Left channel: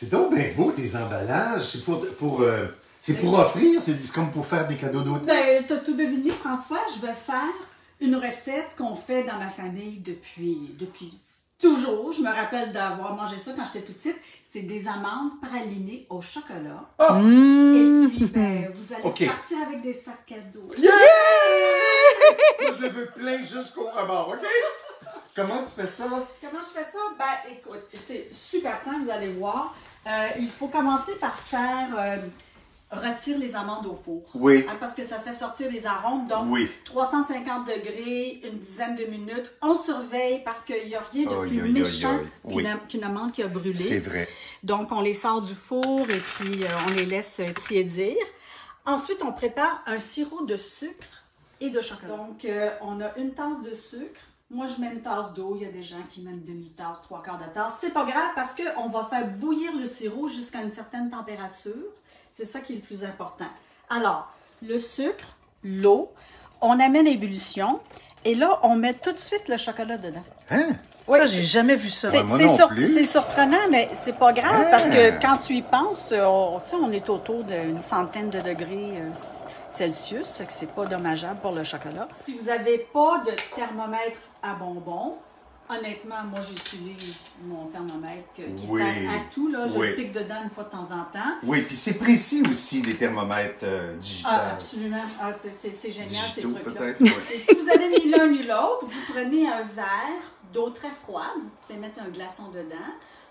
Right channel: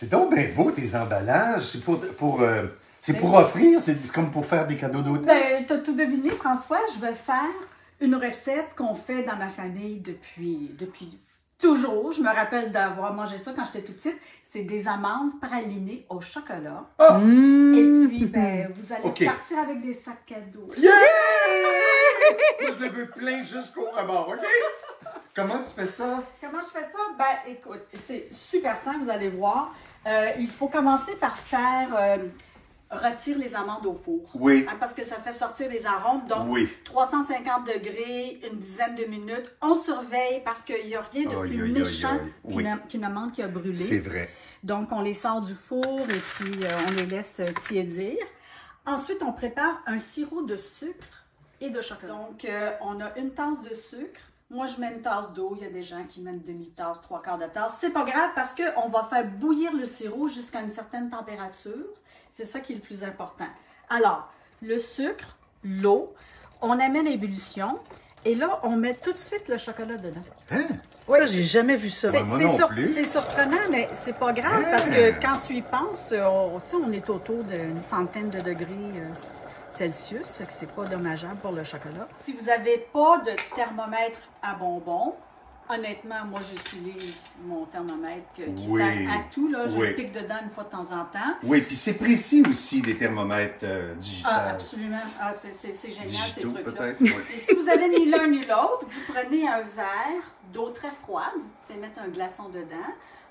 C'est donc bien beau, tes emballages. C'est pour offrir, c'est comme pour faire des cadeaux d'hôtesse. Ben, t'as tout deviné, François. Je vais faire une recette qu'on fait dans ma famille depuis toujours. Je me rappelle d'avoir mangé ça quand j'étais toute petite. C'est des amandes pralinées au chocolat. Oh! Et puis, ben, vous allez partir avec des sacs cadeaux. Yeah! Moi, je le veux plein jusqu'au rebord, OK? Comment tu fais ça? Comment je fais ça? Ben, écoute, c'est super simple, vous allez voir. Il faut commencer par faire rôtir les amandes au four. Oui. Hein, parce que ça fait sortir les arômes. Donc, Oui. 350 degrés, une dizaine de minutes. On surveille parce qu'il n'y a rien de plus méchant qu'une amande qui a brûlé. C'est vrai. Donc, on les sort du four et puis on les laisse tiédir. Ensuite, on prépare un sirop de sucre et de chocolat. Donc, on a une tasse de sucre. Moi, je mets une tasse d'eau. Il y a des gens qui mettent une demi-tasse, trois quarts de tasse. C'est pas grave parce qu'on va faire bouillir le sirop jusqu'à une certaine température. C'est ça qui est le plus important. Alors, le sucre, l'eau, on amène l'ébullition et là, on met tout de suite le chocolat dedans. Hein? Oui. Ça, j'ai jamais vu ça. C'est surprenant, mais c'est pas grave parce que quand tu y penses, on est autour d'une centaine de degrés Celsius, fait que c'est pas dommageable pour le chocolat. Si vous n'avez pas de thermomètre à bonbons, honnêtement, moi, j'utilise mon thermomètre qui sert à tout. Là. Je le pique dedans une fois de temps en temps. Oui, puis c'est précis aussi, des thermomètres digitaux. Ah, absolument. Ah, c'est génial, digitaux, ces trucs-là. peut-être. Et si vous avez ni l'un ni l'autre, vous prenez un verre d'eau très froide, vous pouvez mettre un glaçon dedans,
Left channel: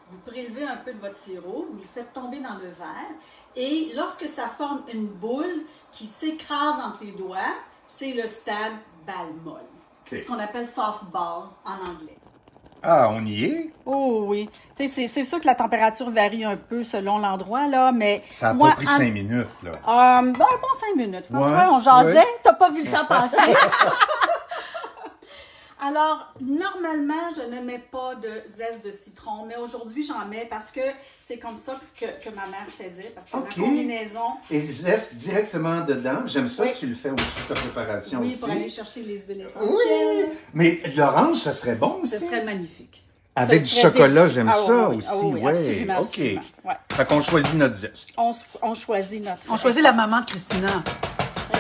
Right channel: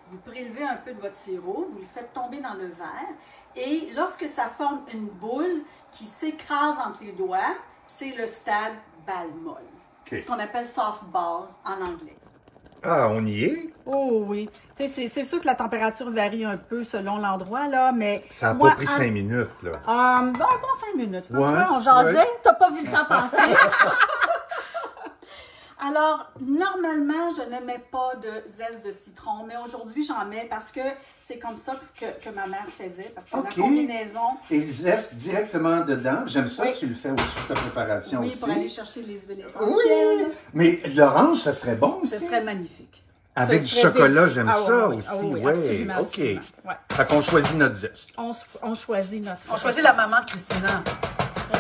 vous prélevez un peu de votre sirop, vous le faites tomber dans le verre, et lorsque ça forme une boule qui s'écrase entre les doigts, c'est le stade balle molle. C'est ce qu'on appelle softball en anglais. Ah, on y est? Oh oui. C'est sûr que la température varie un peu selon l'endroit, là, mais... Ça n'a pas pris 5 minutes, là. Ben, bon 5 minutes. François, on jasait. T'as pas vu le temps passer. Alors, normalement, je ne mets pas de zeste de citron, mais aujourd'hui, j'en mets parce que c'est comme ça que ma mère faisait, parce que la combinaison... Et zeste directement dedans. J'aime ça que tu le fais au-dessus de ta préparation aussi. Oui, pour aller chercher les huiles essentielles. Oui, mais l'orange, ça serait bon aussi. Ce serait magnifique. Avec du chocolat, j'aime ça aussi. Oui, absolument. OK. Absolument. Ouais. Fait qu'on choisit notre zeste. On choisit notre... On choisit la maman de Christina.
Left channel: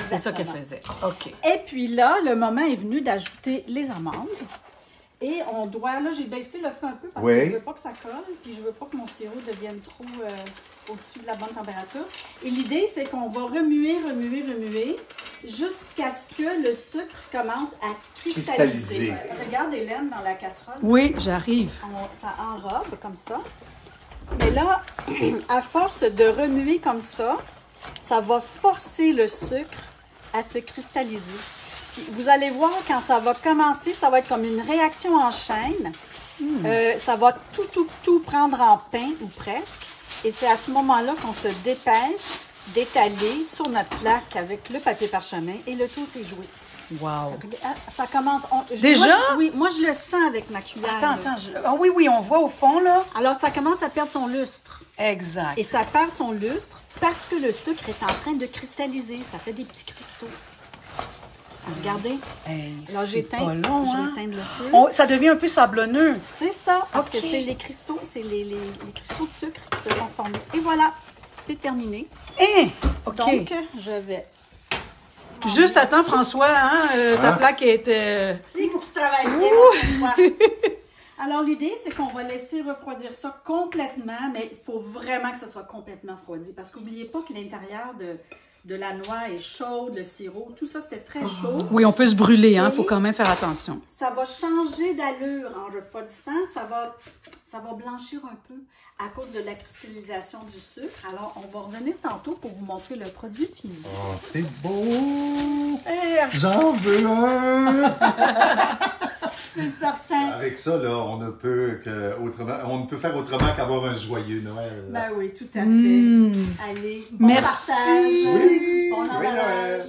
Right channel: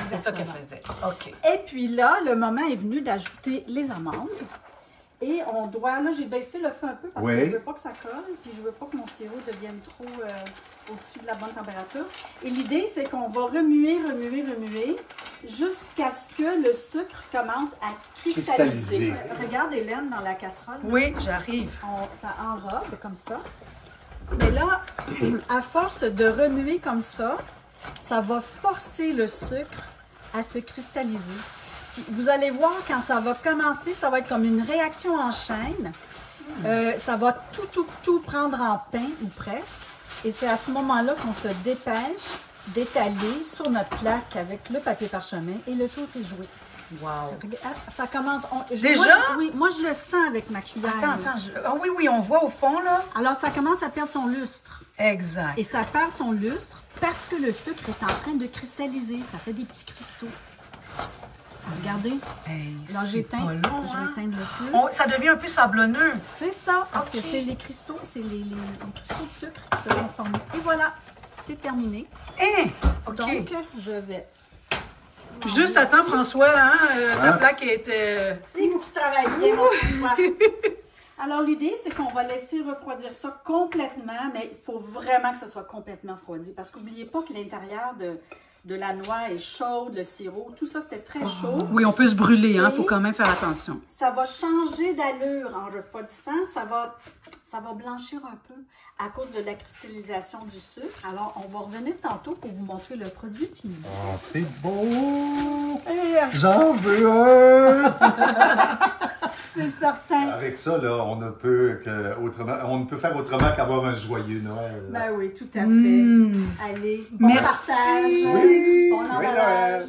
C'est ça qu'elle faisait. OK. Et puis là, le moment est venu d'ajouter les amandes. Et on doit, là, j'ai baissé le feu un peu parce que je ne veux pas que ça colle, puis je ne veux pas que mon sirop devienne trop au-dessus de la bonne température. Et l'idée, c'est qu'on va remuer jusqu'à ce que le sucre commence à cristalliser. Regarde, Hélène, dans la casserole. Oui, j'arrive. Ça enrobe comme ça. Mais là, à force de remuer comme ça va forcer le sucre à se cristalliser. Puis vous allez voir, quand ça va commencer, ça va être comme une réaction en chaîne. Ça va tout prendre en pain, ou presque. Et c'est à ce moment-là qu'on se dépêche d'étaler sur notre plaque avec le papier parchemin et le tour est joué. Wow! Ça commence... Déjà? Moi, je le sens avec ma cuillère. Attends. Oui, on voit au fond, là. Alors, ça commence à perdre son lustre. Exact. Et ça perd son lustre parce que le sucre est en train de cristalliser. Ça fait des petits cristaux. Regardez. Alors, j'éteins le feu. Ça devient un peu sablonneux. C'est ça, parce que c'est les cristaux, les cristaux de sucre qui se sont formés. Et voilà, c'est terminé. Donc, je vais... Juste à temps, François, ta plaque était... Et que tu travailles bien, François. Alors, l'idée, c'est qu'on va laisser refroidir ça complètement, mais il faut vraiment que ça soit complètement refroidi, parce qu'oubliez pas que l'intérieur de la noix est chaude, le sirop, tout ça, c'était très chaud. Oui, on peut se brûler, il faut quand même faire attention. Ça va changer d'allure en refroidissant, ça va blanchir un peu à cause de la cristallisation du sucre. Alors, on va revenir tantôt pour vous montrer le produit fini. Oh, c'est beau! J'en veux un! C'est certain. Avec ça, là, on ne peut faire autrement qu'avoir un joyeux Noël. Ben oui, tout à fait. Allez, bon partage. Oui, bon emballage.